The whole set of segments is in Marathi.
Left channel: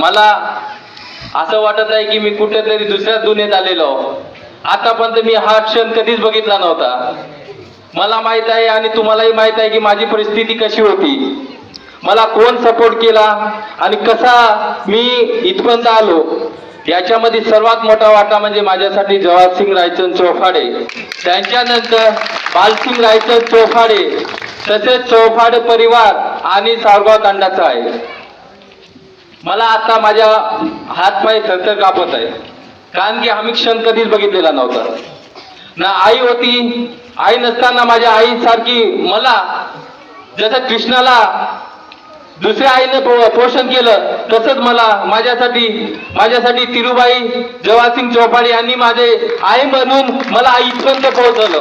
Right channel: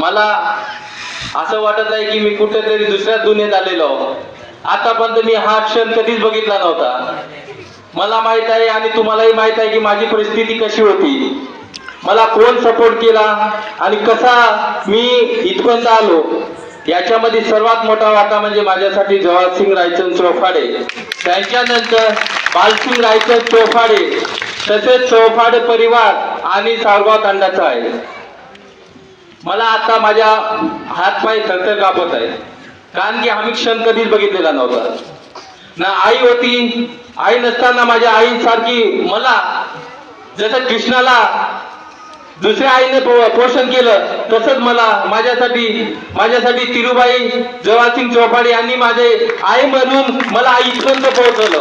मला असं वाटत आहे की मी कुठेतरी दुसऱ्या दुनियेत आलेलो आतापर्यंत मी हा क्षण कधीच बघितला नव्हता. मला माहीत आहे आणि तुम्हालाही माहीत आहे की माझी परिस्थिती कशी होती. मला कोण सपोर्ट केला आणि कसा मी इथपर्यंत आलो याच्यामध्ये सर्वात मोठा वाटा म्हणजे माझ्यासाठी जवाहरसिंग रायचंद चौफाडे. त्यांच्यानंतर बालसिंग रायचंद चौफाडे तसेच चौफाडे परिवार आणि सावगाव तांडाचा आहे. मला आता माझ्या हातपाय थरथर कापत आहे कारण की आम्ही क्षण कधीच बघितलेला नव्हता. ना आई होती आई नसताना माझ्या आईसारखी मला जसं कृष्णाला दुसऱ्या आईने पो- पोषण केलं तसंच मला माझ्यासाठी माझ्यासाठी तिरुबाई जवासिंग चौपाडी यांनी माझे आई म्हणून मला इथपर्यंत पोहोचवलं.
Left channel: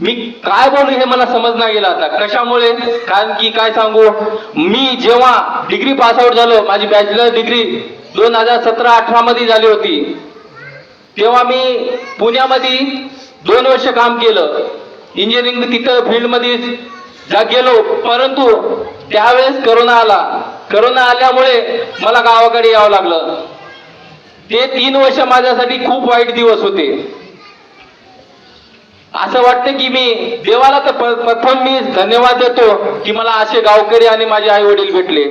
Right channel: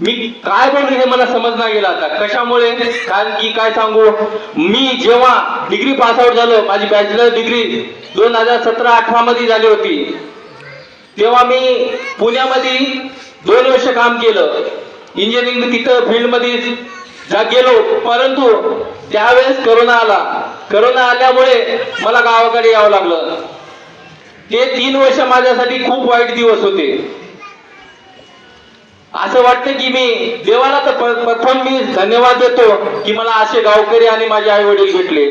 मी काय बोलू हे मला समज नाही गेलं आता. कशामुळे? कारण की काय सांगू? मी जेव्हा डिग्री पास आउट झालो माझी बॅचलर डिग्री दोन हजार सतरा अठरा मध्ये झाली होती. तेव्हा मी पुण्यामध्ये दोन वर्ष काम केलं. इंजिनिअरिंग तिथं फील्डमध्ये जा गेलो. परंतु त्यावेळेस करोना आला. करोना आल्यामुळे मला गावाकडे यावं लागलं. ते तीन वर्ष माझ्यासाठी खूप वाईट दिवस होते. असं वाटतं की मी देवाला तर प्रथम मी धन्यवाद देतो की मला असे गावकरी आणि माझे आई वडील भेटले.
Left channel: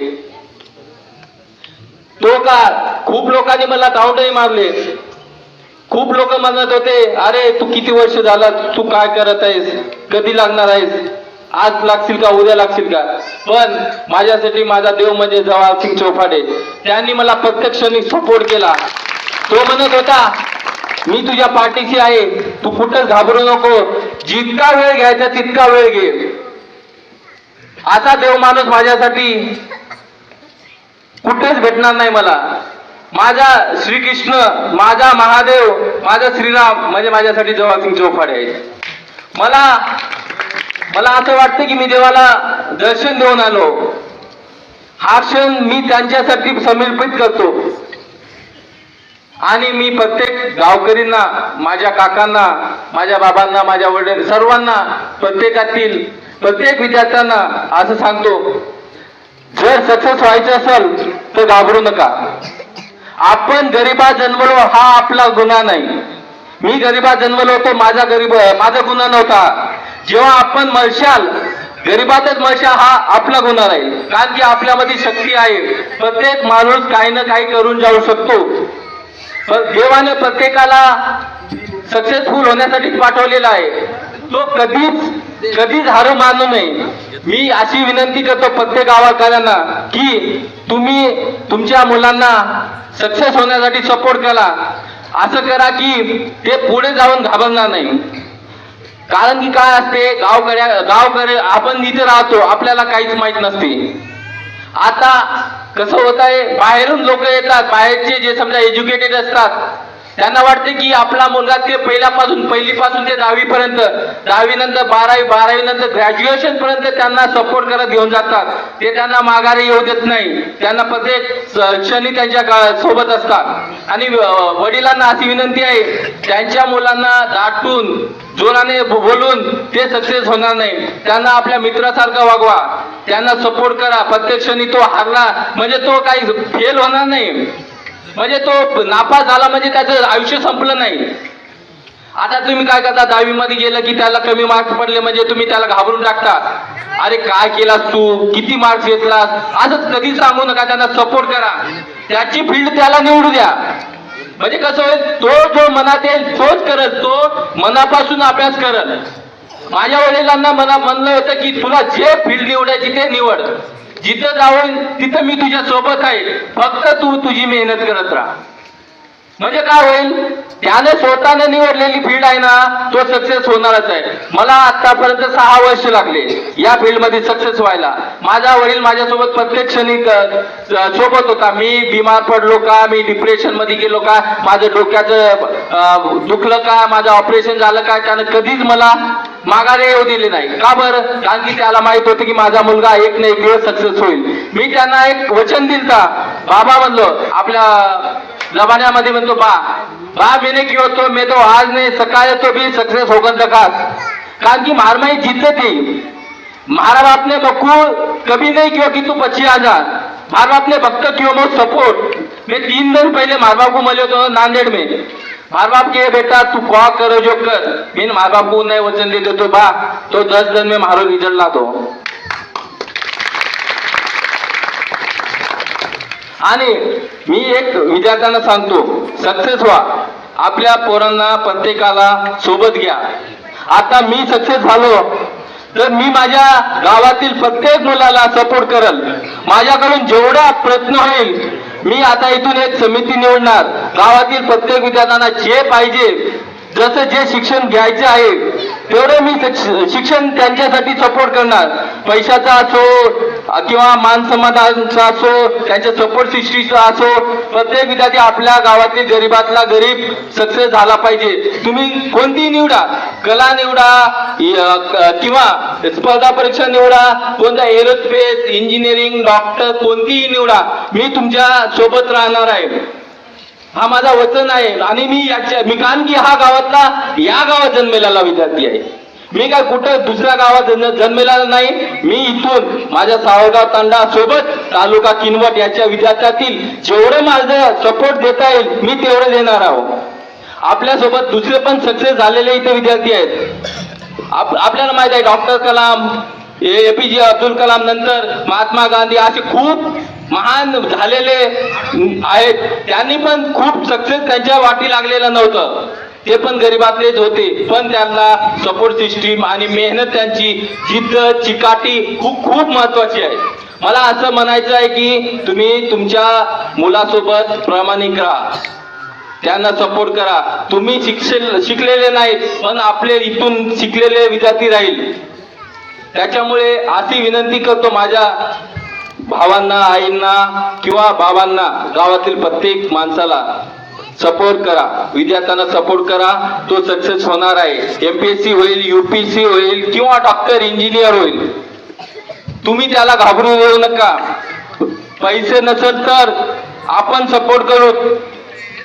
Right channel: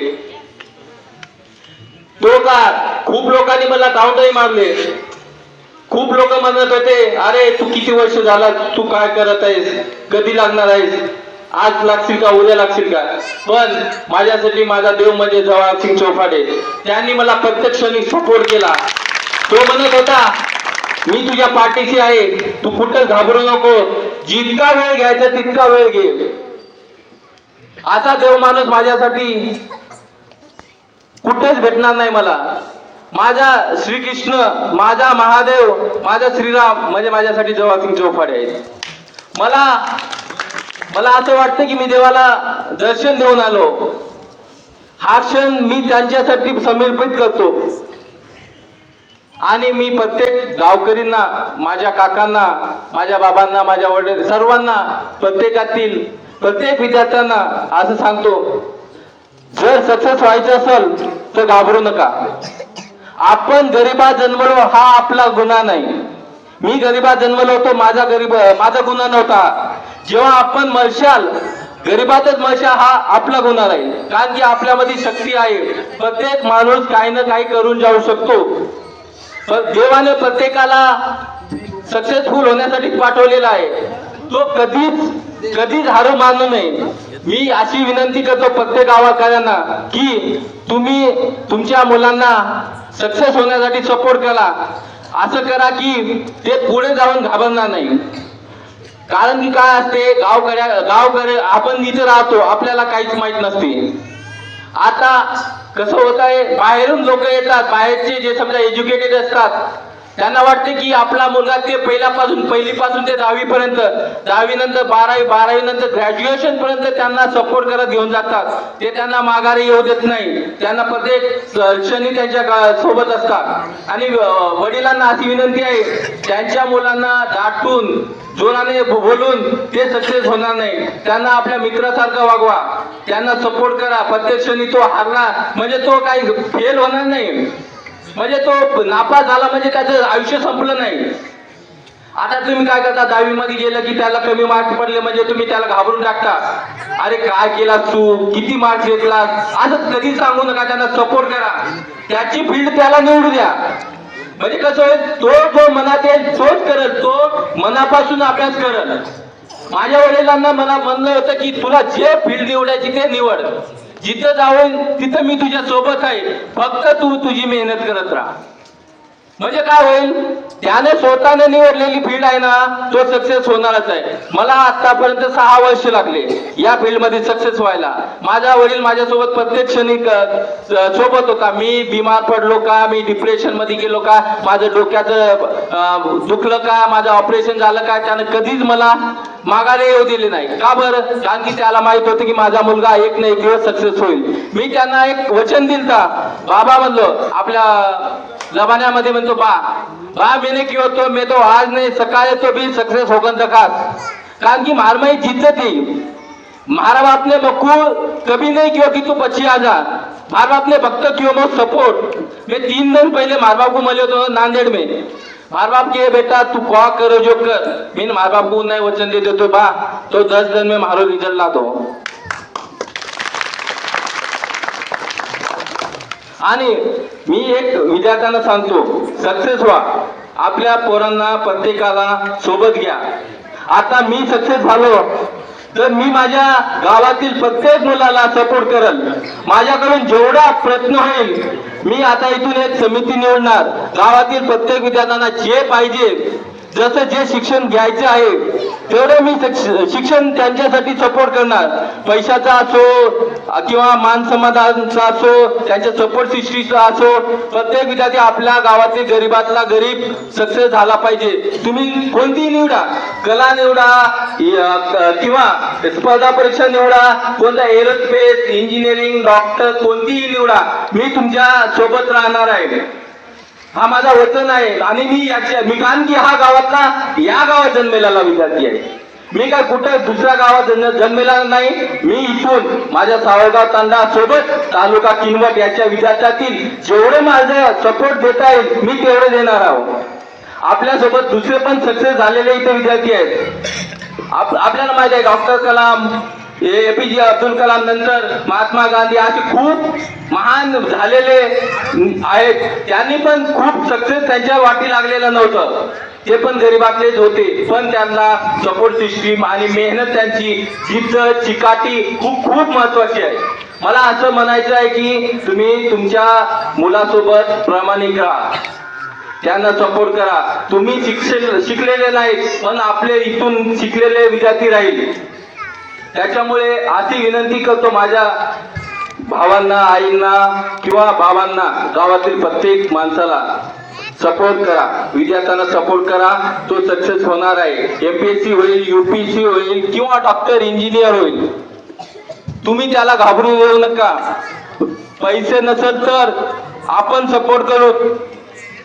तो का खूप लोकांनी मला काउंटही मारले. खूप लोक म्हणत होते अरे तू किती वर्ष झाला तू काय करत आहेस? कधी लागणार आहेस? आज लागशील का उद्या लागशील का? पण माझ्यासाठी माझा देव म्हणजे जवाहर सिंग चौफाडे त्यांनी मला प्रत्यक्षाने सपोर्ट केला. तो म्हणत होता मी तुझ्या पाठीशी आहे. तू कुठं घाबरू नको. जितका वेळ घ्यायचा तितका वेळ घे. आता देव माणूस माझ्यासाठी कुठेच भेटणार नाही मला. माझा श्रीकृष्ण माझा महादेव माझा श्रीराम म्हणजे माझ्यासाठी जवासिंग चौफाडे आहे मला मला असं वाटतं की मी देवाला दर्शन देऊन आलो. हा क्षण मी त्यांच्यासाठी समर्पित करतो. आणि मी प्रत्येक गावकरींना माझ्या काकांना माझ्या बाबांना माझ्या वडील सर्वांना प्रत्येकातील प्रत्येक विद्यार्थ्यांना असं सांगतो जर सक्सेस व्हायचं असेल तर घाबरू नका. आपण गरीबा जन्मलो हा आपला गुन्हा नाही. मी गरीबा जन्मलो होतो माझा गरीब माझा गुन्हा नव्हता. जेव्हा आपण मरशाल गरिबातच मरशाल हा आपला गुन्हा नाही. कारण की आपल्यामध्ये शक्ती आहे. प्रत्येक माणूस काही ना काही करून जाऊ शकतो. देवाने प्रत्येकाला सक्सेसफुल होण्यासाठी पाठवलेला आहे. तो कधीच कधीच हारू मानू नये. मी अशी विनंती करतो प्रत्येक गावाकरांना की तुम्ही तुमच्या मुलांना सक्सेस होण्यासाठी सपोर्ट करा. असं करा की ते पुढे जाऊन घाबरणार नाही. कारण की काय असते गावकऱ्या गावकऱ्या आपण इथे राहतो आपल्याला काहीच माहीत नसते. कसं होत आहे? बाहेरून लोक येतात बाहेरचे जे समजा एज्युकेटेड असतात त्यांना वाटते की आपला मुलगा ते पहिल्यापासून पहिलीपासून ते दहावी पर्यंत दहावी नंतर बारावी बारावी नंतर ग्रॅज्युएशन पर्यंत त्यांना सपोर्ट करत घेऊन जातात. ते त्यांना माघारी येऊ देत नाही. त्यांना प्रत्येक क्षणी त्यांच्या गा- सोबत असतात. आणि वडिलांना अशी विनंती आहे त्यांच्या मुलांना दाटून जोराने बोलून ते सक्सेस होणार नाही. त्यांना आपल्या मित्रासारखं वागवा. त्यांना सपोर्ट करा. प्रत्यक्षणी तो हारला म्हणजे तो काही फेल होणार नाही. म्हणजे तो नापास झाला म्हणजे त्याचं आयुष्य संपलं नाही. आता तुम्ही काय करता? दहावी मध्ये गेलं की त्याला कमी मार्क्स पडले म्हणजे तुम्ही त्याला घाबरून टाकता. अरे काय केला तू? किती मार्क्स घेतलास? असं कधी सांगू नका. त्यांना सपोर्ट करा. त्याची फील्ड त्याला निवडू द्या. म्हणजे कसं होईल? तो जो मनात येईल तोच करत. तो मनापासून अभ्यास करत. माझ्या वडिलांना मला म्हणलं होतं की तुला जे फील्ड निवडायची ते निवड. जिथं जाऊन तिथं मी तुझ्या सोबत आहे. फक्त तू तुझी मेहनत करत राहा. म्हणजे काय होईल? त्याने स्वतःने निवडलेली फील्ड आहे ना तो सक्सेस होणारच आहे. मला आतापर्यंत सहा वर्ष लागले या फील्डमध्ये सक्सेस व्हायला. माझा वडील माझ्यासोबत प्रत्येक क्षणी सोबत होता. मी बिमार पडलो का? मी डिप्रेशनमध्ये गेलो का? माझं डोक्याचं दुखलं का? माझं ऑपरेशन झालं का? त्यानं कधीच मला माघारी येऊ दिली नाही. का बरं? कारण की त्याला माहीत होतं की माझा मुलगा एक ना एक दिवस सक्सेस होईल. मी त्यांना एक वचन दिलता. बाबा म्हणलो आपल्या जमान्यामध्ये म्हणतो बा बा मैंने किंवा तो मे तो आज नाही सकाळ तो बी सक्सेस होगन जका कारण की मारमाई जिद्द थी मारा बाप ने बक्कू कभी नहीं किंवा कि तू पच्चीस हजार मार बाप ने भक्त क्यों मग सपोर्ट. मैं तीन दिन पहले मार बाप को मिले तो नांदेड़ में. मार बाप के बेटा तू क्या करो जो कर. मैं मार बाप को नहीं वचन दे देतो बा. तो दस दिन में मारो रिजल्ट ला दो आणि मी एक विद्यार्थ्यांना सांगतो सक्सेस व्हा. आपल्या पोरांना प्रत्येकाला सोबत घ्या. आता मी सक्सेस झालो तर मी माझ्या गावातील प्रत्येक मुलाला सपोर्ट करल. माझ्याकडून जेवढा प्रयत्न होईल मी आता इथून एक समिती निवडणार. गावातील प्रत्येक विद्यार्थ्यांना जे पाहिजे जसं जे शिक्षण घ्यायचं आहे तेवढं मी शिक्षण त्यांच्यासाठी सपोर्ट करणार. पैशाचा असो किंवा मान समाधानचा असो त्यांच्या सपोर्ट सिस्टीचा असो प्रत्येक विद्यार्थी आपल्या गावातील गरीबातला गरीब सक्सेस झाला पाहिजे. तुम्ही कोणतीही निवडा कला निवडा किंवा स्पर्धा परीक्षा निवडा कोणत्या एरोस्पेस इंजिनिअरिंग डॉक्टर कोणतीही निवडा मी तुमच्यासोबत राहणार आहे. हा माझा वचन आहे. आणि मी याच्या मी कारण की हा गावातला या गावात जन्मलेला विद्यार्थी आहे. मी काय कुठं दुसऱ्या गावात जन्म- जन्मलेला नाही. मी इथून माझ्या सावगाव तांडा सोबत तालुका किनवट याच्या विद्यार्थ्यातील जेवढं माझं सपोर्ट देता येईल मी तेवढं देणार आहोत. आपल्यासोबत दुसरे पण सक्सेस झालेले इथे विद्यार्थी आहेत. आपल्याला माहिती आहे डॉक्टर कलाम एपीजे अब्दुल कलाम नंतर महात्मा गांधी असे खूप महान झालेले आहेत. त्यांनी पण खूप सक्सेस त्यांच्या वाटी लागलेलं नव्हतं. ते पण गरीबातलेच होते. पण त्यांना सपोर्ट सिस्टीम आणि मेहनत त्यांची जिद्द चिकाटी खूप खूप महत्वाची आहे. मला असं म्हणायचं आहे की तुम्ही तुमच्या मुलासोबत प्रामाणिक राहा. त्यांना सपोर्ट करा. तुम्ही शिक्षण शिकलेले नाही पण आपले इथून शिकलेले विद्यार्थी राहील. त्याच्यामुळे अशी विनंती करतो माझ्या भावांना आईंना किंवा बाबांना गावातील प्रत्येक माणसाला सपोर्ट करा. विद्यार्थ्यांना सपोर्ट करा. तो सक्सेस होणार आहे. एमपीएससी होईल युपीएससी होईल किंवा डॉक्टर इंजिनियर होईल. तुम्ही त्याला घाबरू देऊ नका. पैसे नसेल तर आपण सपोर्ट करू.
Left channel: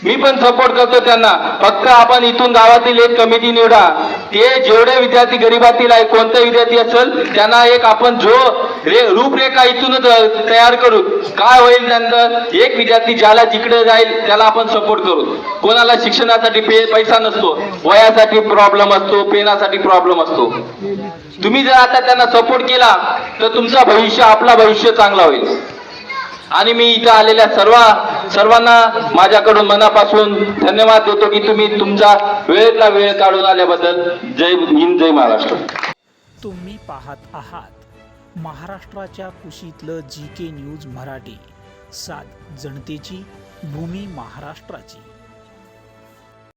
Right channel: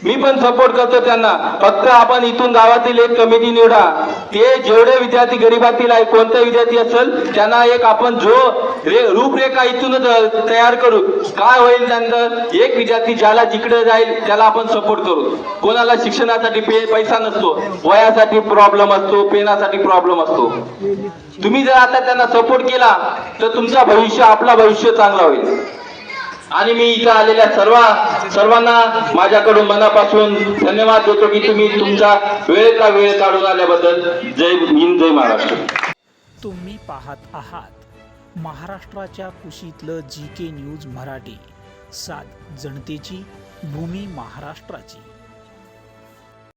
मी पण सपोर्ट करतो त्यांना. फक्त आपण इथून गावातील एक कमिटी निवडा. ते जेवढे विद्यार्थी गरीबातील आहे कोणता विद्यार्थी असेल त्यांना एक आपण जो रे- रूपरेखा इथूनच तयार करू. काय होईल त्यानंतर? एक विद्यार्थी ज्याला जिकडे जाईल त्याला आपण सपोर्ट करू. कोणाला शिक्षणासाठी पे पैसा नसतो. वयासाठी प्रॉब्लेम असतो पेनासाठी प्रॉब्लेम असतो. तुम्ही जर आता त्यांना सपोर्ट केला तर तुमचा भविष्य आपला भविष्य चांगला होईल. आणि मी इथं आलेल्या सर्व सर्वांना माझ्याकडून मनापासून धन्यवाद देतो की तुम्ही तुमचा वेळेतला वेळ काढून आल्याबद्दल. जय हिंद जय महाराष्ट्र. तुम्ही पाहत आहात महाराष्ट्राच्या कुशीतलं जी के न्यूज मराठी. सात जनतेची भूमी महाराष्ट्राची.